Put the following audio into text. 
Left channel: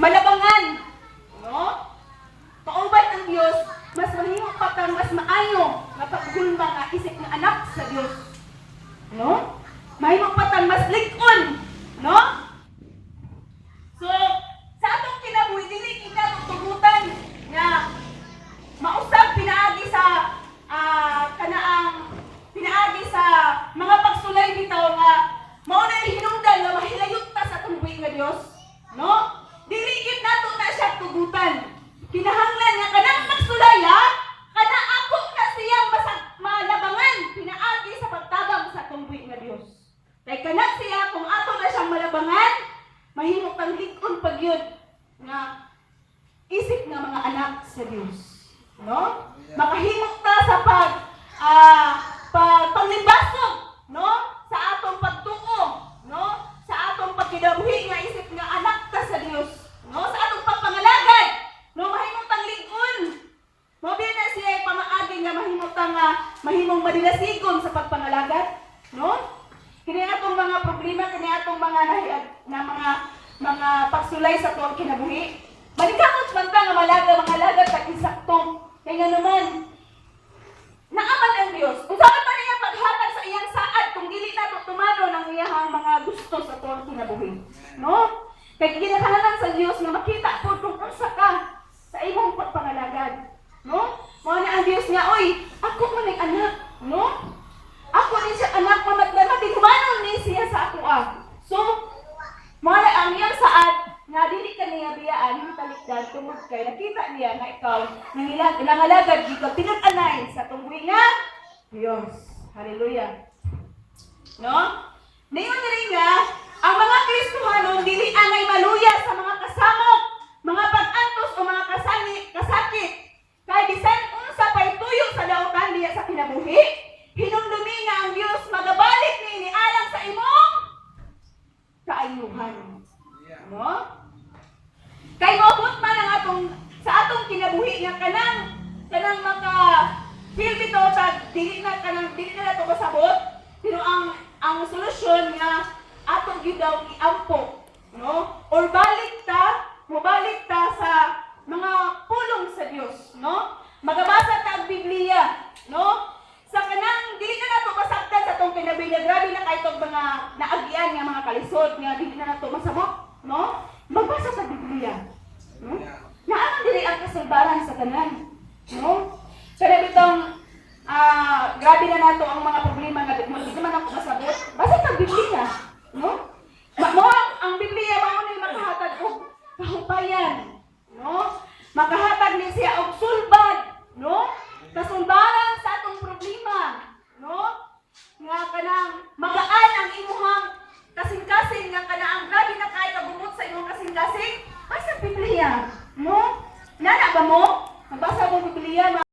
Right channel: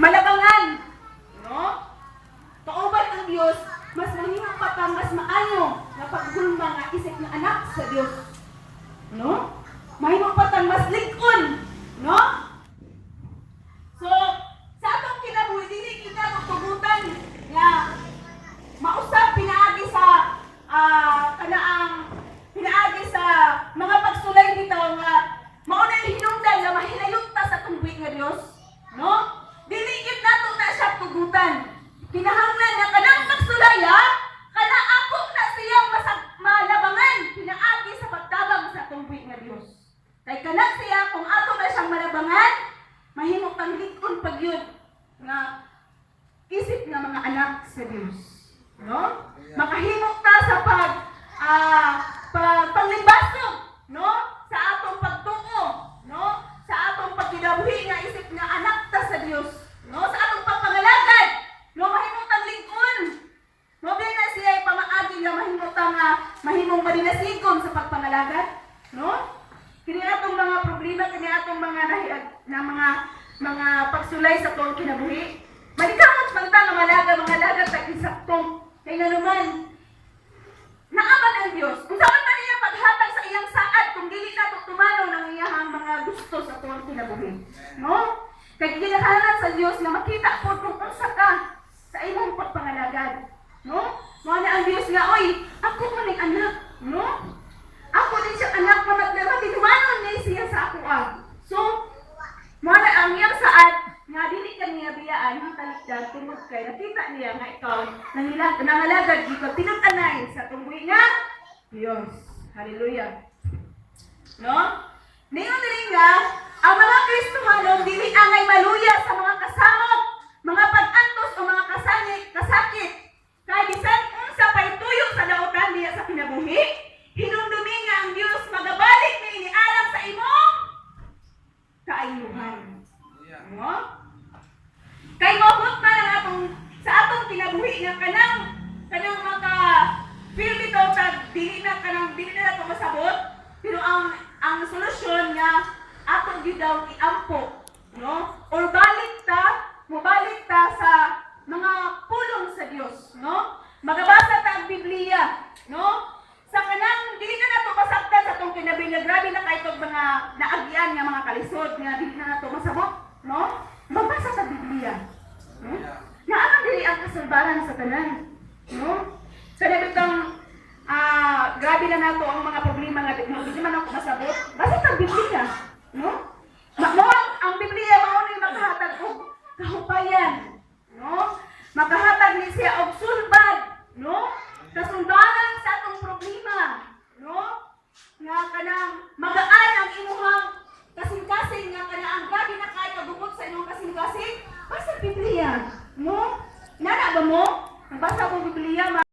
malabangan, no? Kauban ang Dios, mas mahimong patang mas maayo nga pagdulma nga isip ng anak sa Dios. No? Mahimong patang mas lig-on, no? So, sa atong kinabuhi dili kita tutugutan nga mausap pinaagi sa pinaagi sa mga pagsulay bitaw nga mao na hinungdan nga mahilayot ta sa tungbuhi nga Dios, no? Dili gid nato na siya tugutan. Kinahanglan nga kanang pagsulaya kana ako na siya malabangan pinaagi sa pagtabang sa tungbuhi nga Dios. Kay kana siya kung ato na siyang malabangan, mahimong tang lig-on pag yun nga isip nga mga anak sa Dios, no? Makahimok ta sa panglimbasog, no? Sa atong pagtuo, no? Sa atong pagkinabuhi nga isip nga anak ta sa Dios, no? Sa atong pagpangalagad, no? Mahimong tang lig-on. Mabi na siya ay pamaagi nga mahimong madinasigon sa pagpangalagad, no? Kini atong mga problema, kini atong mga pagsulay sa tuwang kinabuhi. Manikamot man ta nga mga lagad ta insakto. Kay nga naman naaman ang Dios. Unsa man man iya paghatag sa iyang saad kung dili nato tumano ng iyang mga gusto sa tuwang kinabuhi. No? Kay kinahanglan sa Dios nga makita pud kung unsa ka sa imong pagpangalagad. No? Mao na ang Dios nga, oy, ako man ang anak, no? Ako din siya anak mo nagdamatinumanon ni siya sa ako So, mao na ang iyang saad nga dili ka niya biyaan yung talikdan tungod kay nakita niya nga ikaw nangalagad dito tinud-anay sa tungbuhi nga Dios. Hallelujah. No? Ningon diri nga ang mga Kristohanon dili angay maluya sa mga kasamok, mga pag-antos o mga kasakit. Kay bisan unsa pay tuyo sa dautan diya sa kinabuhi, hinumdumi nga ang Dios magabalik ni inialam sa imong kaayuhan. No? Kay mabot man ang sa atong kinabuhi nga kanang maka feel dito tag dili na to masabot, pero ang solusyon nga atong gyud daw iampo, no? Or mobalik ta sa mga pulong sa Dios, no? Magabasa ta ang Biblia, no? Sa kanang dili na nato masaktan sa atong kinabuhi, grabe na kay tong mga naagian nga mga kalisod nga dili na nato masabot, no? Magbasa sa Biblia. No? Naanang dili ang kasulbaran sa tanan. No? Kada bitong grabe na nato ang mga problema nga di man ako masabot. Basa ta Biblia, no? Mao ang Biblia mao ni makahatag og kahupayan, no? Makahatag ni siya og sulbad, no? Kasulbaran sa atong problema, no? Nga kanang